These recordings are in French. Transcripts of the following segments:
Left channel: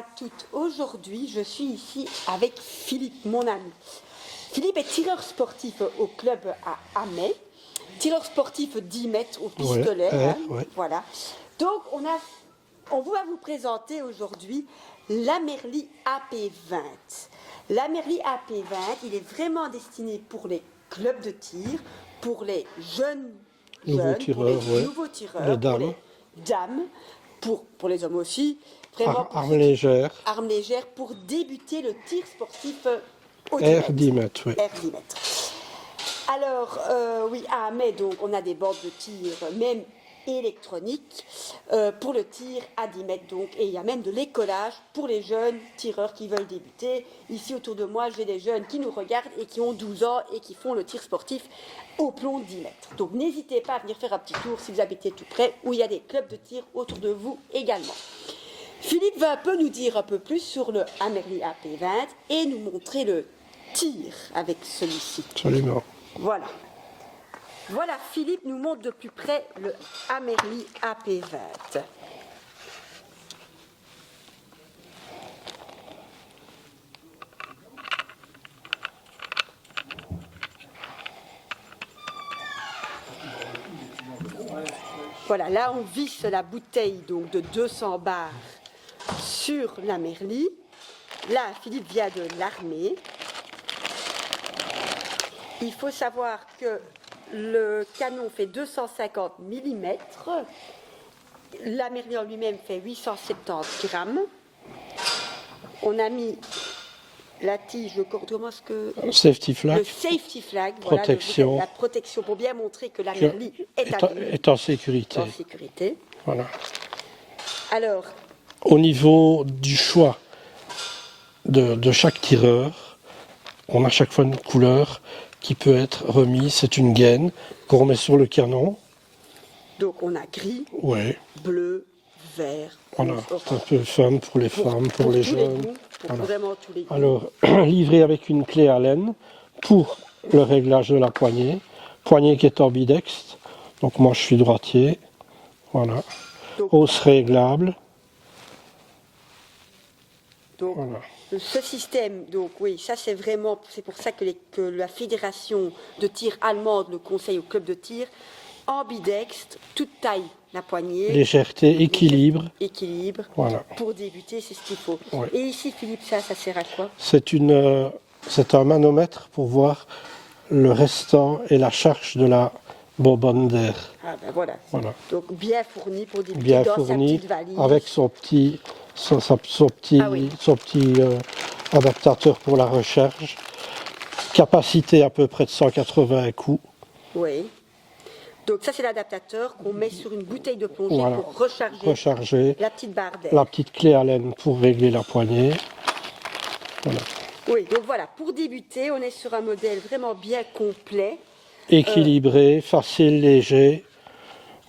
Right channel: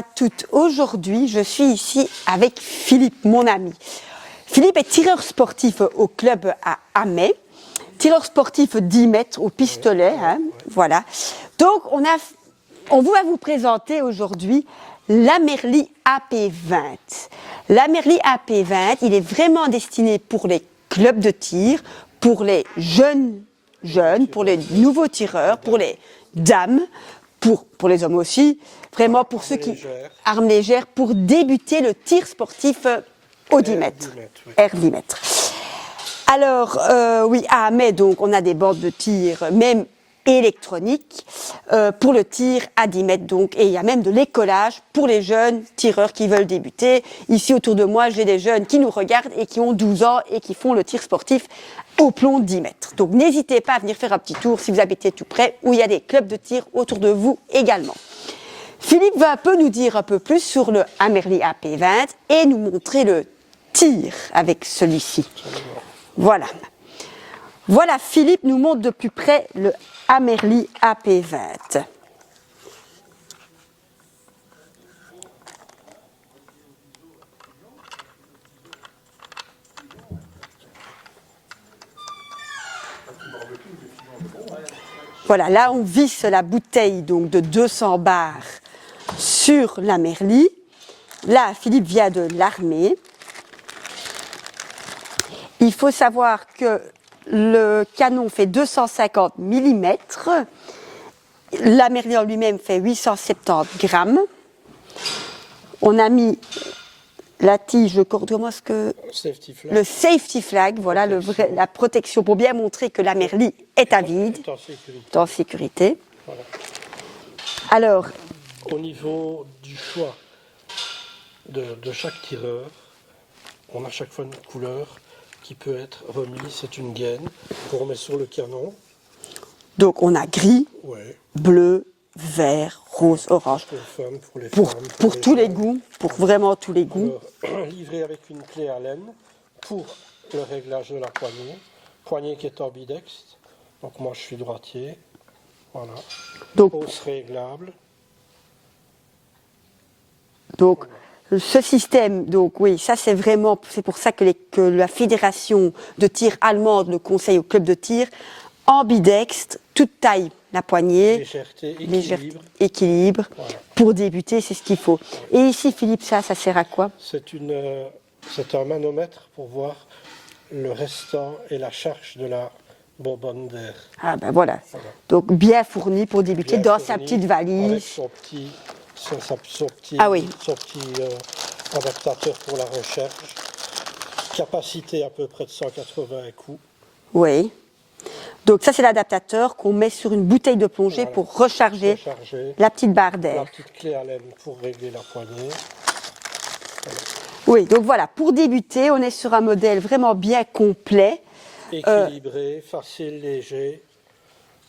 à toutes. Aujourd'hui, je suis ici avec Philippe, mon ami. Philippe est tireur sportif au club à Amay. Tireur sportif 10 mètres au pistolet. Ouais. Voilà. Donc, on va vous présenter aujourd'hui l'Amerli AP20. L'Amerli AP20, il est vraiment destiné pour les clubs de tir, pour les jeunes, pour les nouveaux tireurs, pour les dames, pour les hommes aussi, vraiment pour ceux qui... Armes légères, pour débuter le tir sportif au 10 mètres. 10 mètres, oui. R10 mètres. Alors, oui, à Amay, donc, on a des bornes de tir, même électroniques, pour le tir à 10 mètres, donc, et il y a même de l'écolage pour les jeunes tireurs qui veulent débuter. Ici, autour de moi, j'ai des jeunes qui nous regardent et qui ont 12 ans et qui font le tir sportif au plomb 10 mètres. Donc, n'hésitez pas à venir faire un petit tour si vous habitez tout près, où il y a des clubs de tir autour de vous également. Philippe va un peu nous dire un peu plus sur le Amerli AP20 et nous montrer le tir avec celui-ci. Absolument. Voilà. Voilà, Philippe nous montre de plus près le Amerli AP20. Voilà, là on visse la bouteille donc de 200 bars sur l'Amerli. Là, Philippe vient de l'armer. Il faut savoir que le canon fait 250 mm. L'Amerli en lui-même fait 870 grammes. On a mis la tige, comment est-ce que... Safety flag. Le safety flag, voilà, la protection pour bien montrer que l'Amerli est à vide. Est en sécurité. En sécurité. Voilà. Alors... Au niveau du choix de chaque tireur, on a chaque fois une couleur qui peut être remise. C'est une gaine qu'on remet sur le canon. Donc on a gris, bleu, vert, rose, orange. Un peu fun pour les femmes, pour tous les goûts, pour vraiment tous les goûts. Alors, livré avec une clé à laine pour le réglage de la poignée. Poignée qui est ambidextre. Donc moi je suis droitier. Voilà. Donc, hausse réglable. Donc, ce système, donc oui, ça c'est vraiment, c'est pour ça que la fédération de tir allemande le conseille au club de tir, ambidextre, toute taille, la poignée. Légèreté, équilibre. Voilà. Pour débuter, c'est ce qu'il faut. Ouais. Et ici, Philippe, ça sert à quoi? C'est un manomètre pour voir le restant et la charge de la bonbonne d'air. Ah ben voilà. Donc bien fourni pour débuter dans sa petite valise. Avec son petit adaptateur pour la recharge. Capacité à peu près de 180 coups. Oui. Donc ça c'est l'adaptateur qu'on met sur une bouteille de plongée pour recharger la petite barre d'air. La petite clé à laine pour régler la poignée. Voilà. Oui, donc voilà, pour débuter, on est sur un modèle vraiment bien complet. Équilibré, facile, léger.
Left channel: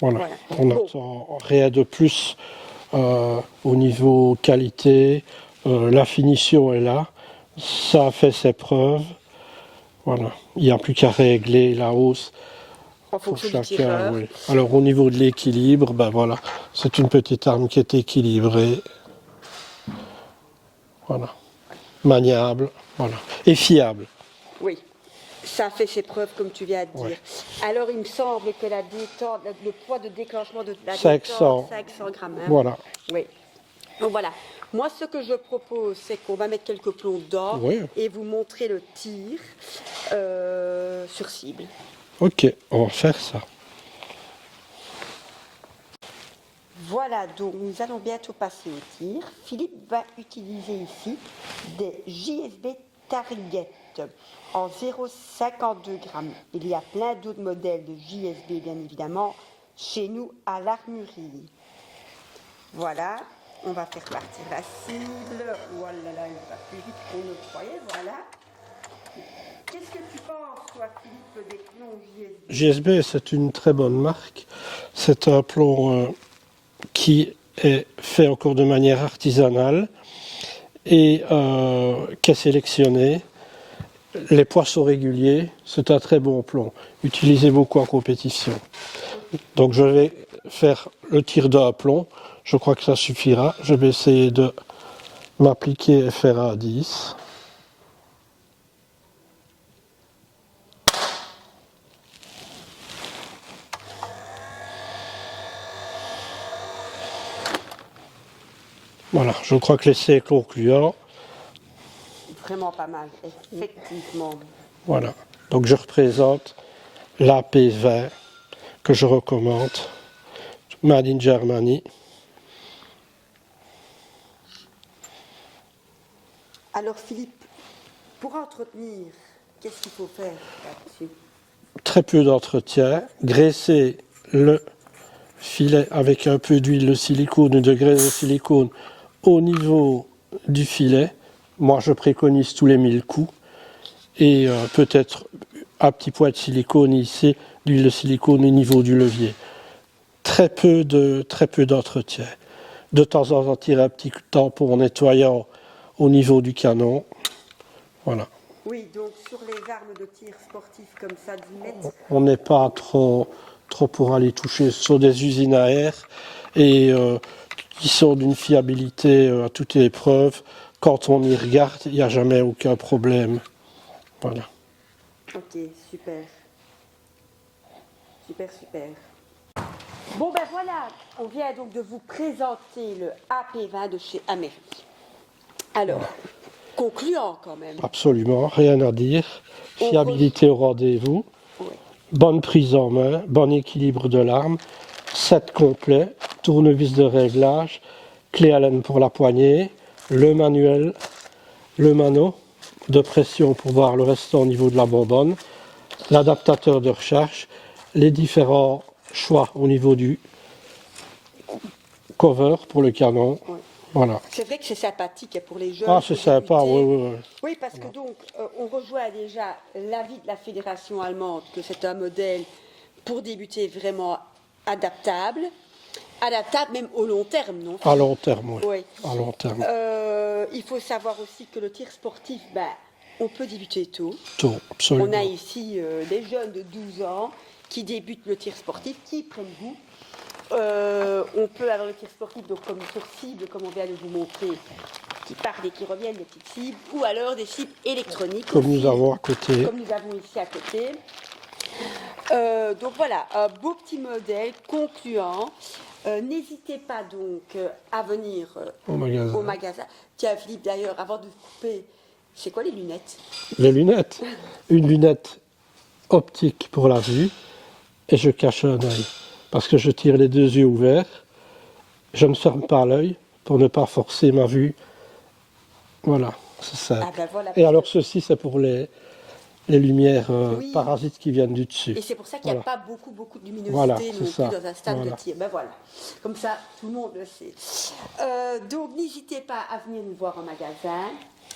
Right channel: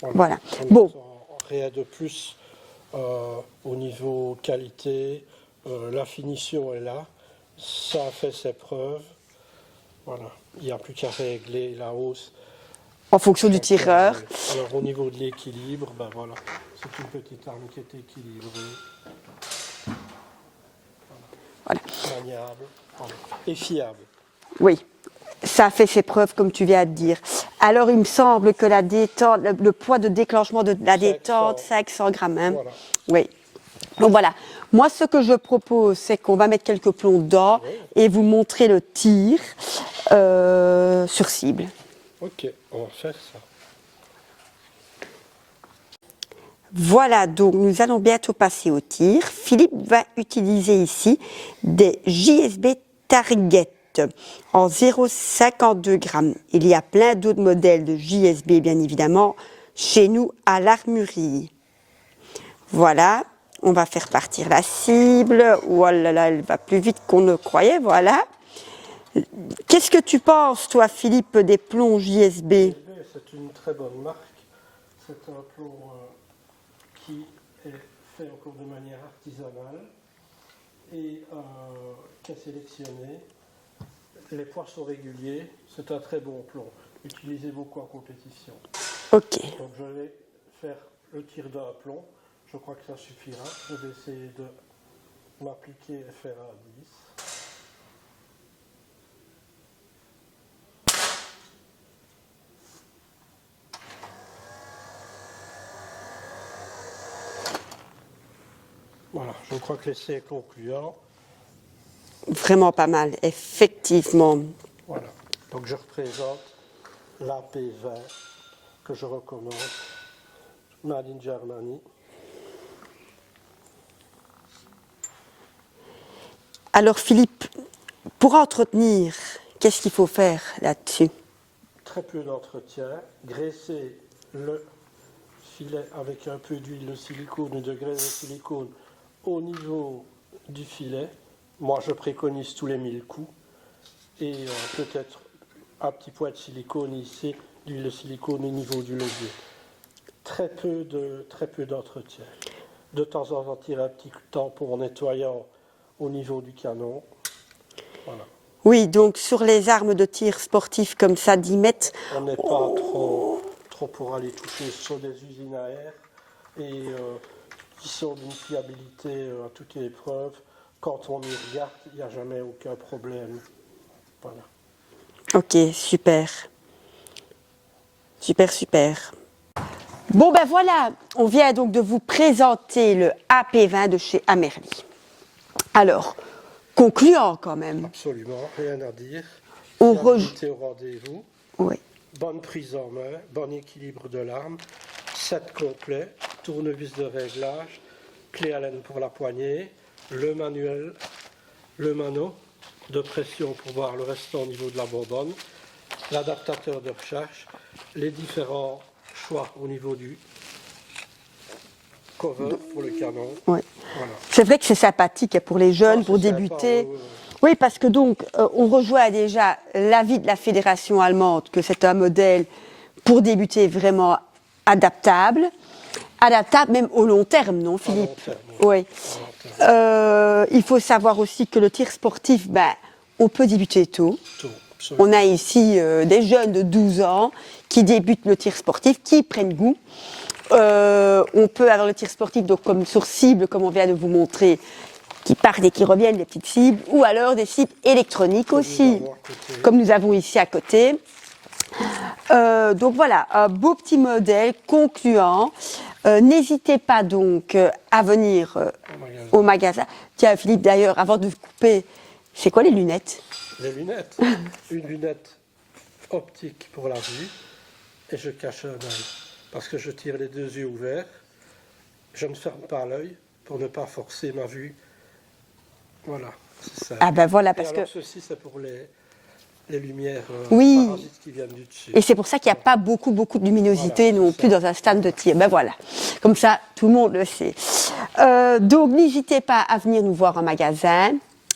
Voilà. On n'attend rien de plus. Au niveau qualité, la finition est là, ça a fait ses preuves. Voilà, il n'y a plus qu'à régler la hausse. En fonction du tireur. Oui. Alors au niveau de l'équilibre, ben voilà, c'est une petite arme qui est équilibrée. Voilà. Maniable, et fiable. Oui. Ça a fait ses preuves, comme tu viens de dire. Alors, il me semble que la détente, le poids de déclenchement de la détente, 500 grammes. Hein. Voilà. Oui. Donc voilà. Moi, ce que je propose, c'est qu'on va mettre quelques plombs dedans et vous montrer le tir sur cible. Ok, on va faire ça. Voilà, donc nous allons bientôt passer au tir. Philippe va utiliser ici des JSB Target en 0,52 grammes. Il y a plein d'autres modèles de JSB, bien évidemment, chez nous à l'Armurerie. Voilà, on va faire partir la cible. Oh là là, elle va plus vite qu'on ne croyait, voilà. Qu'est-ce que tu penses, toi, Philippe, des plombs JSB? JSB, c'est une très bonne marque. C'est un plomb qui est fait encore de manière artisanale et qui est sélectionné. Les poids sont réguliers, c'est un très bon plomb, utilisé beaucoup en compétition. Donc je vais faire le tir d'un plomb, je crois que ça suffira. Je vais essayer de m'appliquer FRA 10. Voilà, je crois que l'essai est concluant. Vraiment pas mal, effectivement. Voilà, donc je représente l'AP20 que je recommande, Made in Germany. Alors Philippe, pour entretenir, qu'est-ce qu'il faut faire là-dessus? Très peu d'entretien, graisser le filet avec un peu d'huile de silicone ou de graisse de silicone au niveau du filet. Moi, je préconise tous les 1000 coups. Et peut-être un petit point de silicone ici, d'huile de silicone au niveau du levier. Très peu d'entretien. De temps en temps, tirer un petit tampon en nettoyant au niveau du canon. Voilà. Oui, donc sur les armes de tir sportifs comme ça, 10 mètres. On n'est pas trop pour aller toucher sur des usines à air et qui sont d'une fiabilité à toute épreuve. Quand on y regarde, il n'y a jamais aucun problème. Voilà. Ok, super. Super. Bon ben voilà, on vient donc de vous présenter le AP20 de chez Amerly. Alors, concluant quand même. Absolument, rien à dire. On Fiabilité au rendez-vous, Oui. bonne prise en main, bon équilibre de l'arme, set complet, tournevis de réglage, clé Allen pour la poignée, le manuel, le mano de pression pour voir le restant au niveau de la bonbonne, l'adaptateur de recharge, les différents choix au niveau du cover pour le canon. Oui. Voilà. C'est vrai que c'est sympathique pour les jeunes, pour c'est débuter. sympa, oui. Oui, parce que donc, on rejoint déjà l'avis de la Fédération allemande que c'est un modèle pour débuter vraiment adaptable même au long terme, non, À Philippe? long terme, oui. Oui. À long terme. Il faut savoir aussi que le tir sportif, on peut débuter tôt. Tôt, absolument. On a ici des jeunes de 12 ans qui débutent le tir sportif, qui prennent goût. On peut avoir le tir sportif donc comme sur cible, comme on vient de vous montrer, qui partent et qui reviennent, des petites cibles, ou alors des cibles électroniques Comme aussi, nous avons à côté. comme nous avons ici à côté. Donc voilà, un beau petit modèle concluant. N'hésitez pas donc à venir au magasin. Tiens Philippe, d'ailleurs, avant de vous couper, c'est quoi les lunettes? Les lunettes. Une lunette optique pour la vue et je cache un œil. Parce que je tire les deux yeux ouverts. Je ne ferme pas l'œil pour ne pas forcer ma vue. Voilà, c'est ça. Ah ben voilà, Et parce alors que... ceci, c'est pour les lumières Oui. parasites qui viennent du dessus. Et c'est pour ça qu'il n'y a Voilà. pas beaucoup de luminosité Voilà, non c'est plus ça. dans un stade Voilà. de tir. Ben voilà, comme ça tout le monde le sait. Donc n'hésitez pas à venir nous voir en magasin,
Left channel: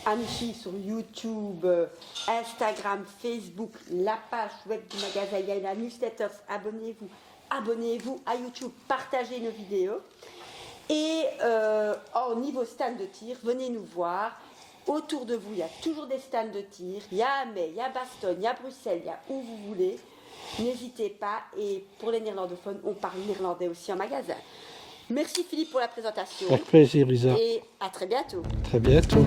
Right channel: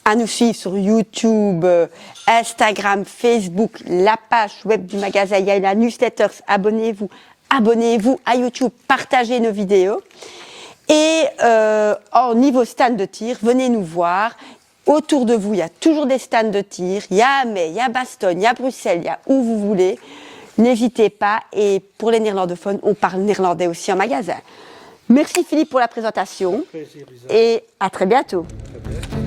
à nous suivre sur YouTube, Instagram, Facebook, la page web du magasin, il y a la newsletter, abonnez-vous à YouTube, partagez nos vidéos. Et en niveau stand de tir, venez nous voir. Autour de vous, il y a toujours des stands de tir. Il y a à Metz, il y a à Bastogne, il y a à Bruxelles, il y a où vous voulez. N'hésitez pas. Et pour les néerlandophones, on parle néerlandais aussi en magasin. Merci Philippe pour la présentation. Avec plaisir, Lisa. Et à très bientôt. Très bientôt.